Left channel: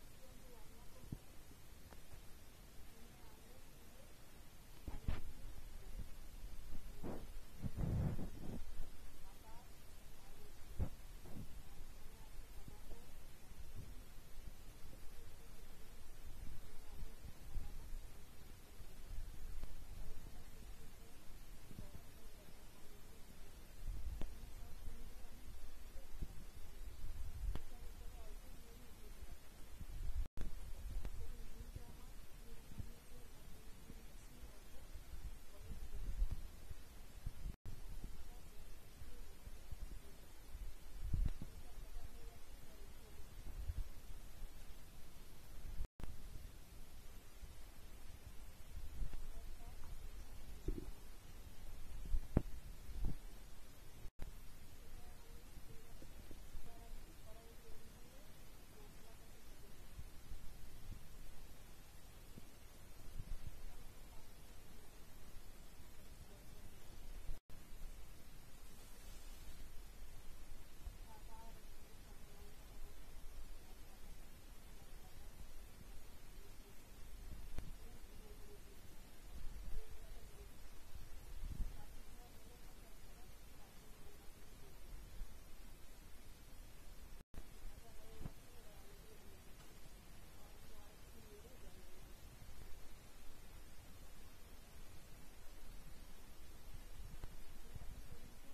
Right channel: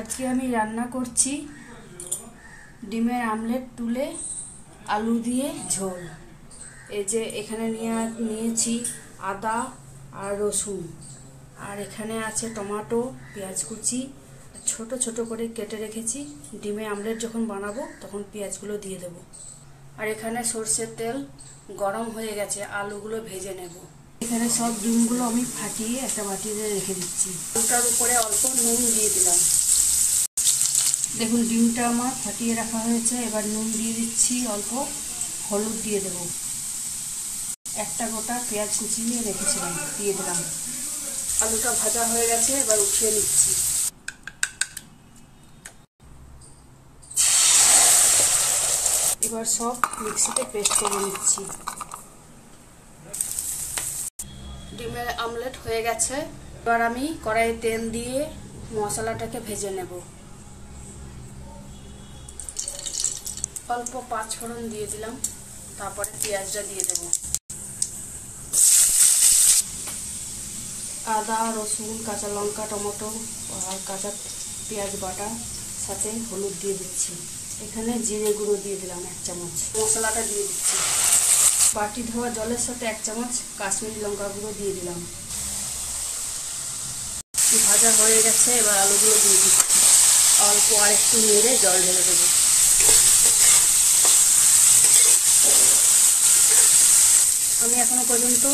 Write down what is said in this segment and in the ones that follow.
আজকে আমি রান্না করছি ডিমের আমলেট তুলে আলু দিয়ে ঝোল। এই যে এখানে নিয়েছি আদা আর রসুন, আর এখানে আছে টমেটো, পেঁয়াজ কুচি ছোট ছোট করে কেটে রেখেছি। ডিমের আমলেট যখন বানাবো তখন পেঁয়াজগুলো দিয়ে দেবো। আর এখানে সরষের তেল গরম হয়ে গেছে, আলুগুলো ভেজে নেব। এখানে সব ডিমগুলো আমি ফাটিয়ে একটা বাটিতে রেখে দিচ্ছি। আলুটার উপরে অল্প নুন দিয়ে দিলাম। দেখুন ডিমটা আমার ফাটিয়ে রাখা হয়েছে। এবার নুন দিয়ে দিচ্ছি, অল্প হলুদ দিয়ে দেব, একটা গোটা পেঁয়াজ কুচিয়ে রেখেছিলাম দিয়ে দিলাম। আলুটা ভাজা হয়ে গেছে, এবার উঠিয়ে নিচ্ছি। এবার সব মিক্সিতে পেস্ট করে নিচ্ছি। ডিমের আমলেট হয়ে গেছে। এবার আমি কড়াইয়ে তেল দিয়ে মশলাটাকে ভেজে নেব। অল্প পাঁচ ফোড়ন দিয়ে দিলাম, তারপরে পেঁয়াজটা দিয়ে দেব। আদা রসুন কাঁচা লঙ্কা টমেটো আর কাঁচা পেঁয়াজ বাটা সাথে হলুদ দিয়ে দিচ্ছি। এখানে জিরে গুঁড়ো দিয়ে দিলাম 1 চামচ। মশলাটা দিয়ে দিচ্ছি। বাটি ধোয়া জলের সাথে 1 চামচ কাশ্মীরি লঙ্কা গুঁড়ো দিয়ে দিলাম। ভাজা হয়ে গেছে, এবার আলুগুলো দিয়ে দিচ্ছি। অল্প আর একটু নেড়ে জল ঢেলে দেবো। আমি এখনো পর্যন্ত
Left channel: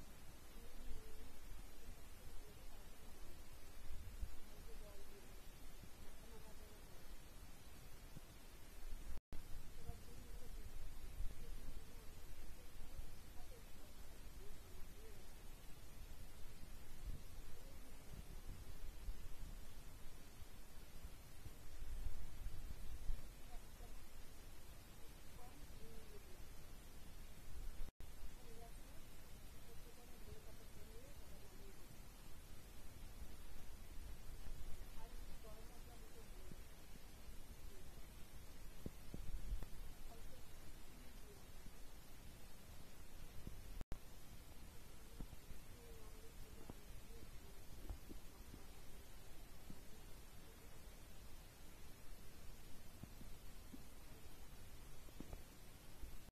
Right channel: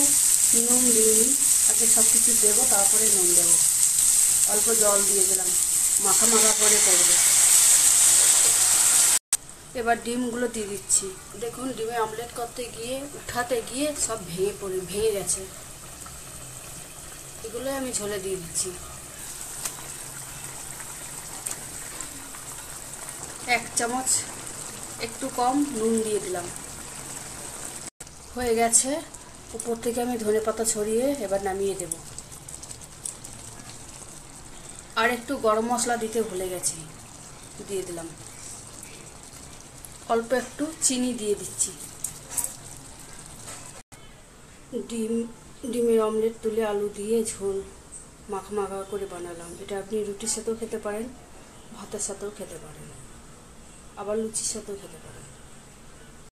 নুন দিইনি, আগে সব কিছু দেবো তারপরে নুন দেবো। অল্প জল দিয়ে দিলাম, মাখা মাখা করে করবো। এবার ডিমগুলো দিয়ে দিচ্ছি। দেখুন ডিমে আমলেট করতে গিয়ে উঠাতে গিয়ে সব ভেঙে গেছে। এগুলো আমি ঝোলে দিয়ে দিচ্ছি। 1 চামচ একটু কম নুন দিয়ে দিলাম। হয়ে গেছে। উপর থেকে আমি ধনেপাতা ছড়িয়ে এবার নামিয়ে দেব। আর একটু গরম মশলা দিতে ভুলে গেছি, দিয়ে দিলাম। অল্প একটু চিনি দিয়ে দিচ্ছি। ডিমের অমলেট তুলে আলু দিয়ে ঝোল মাখা মাখা করে বানালাম। এটা আপনি রুটির সাথেও খেতে পারেন, ভাতের সাথেও খেতে পারেন, আবার লুচির সাথেও খেতে পারেন।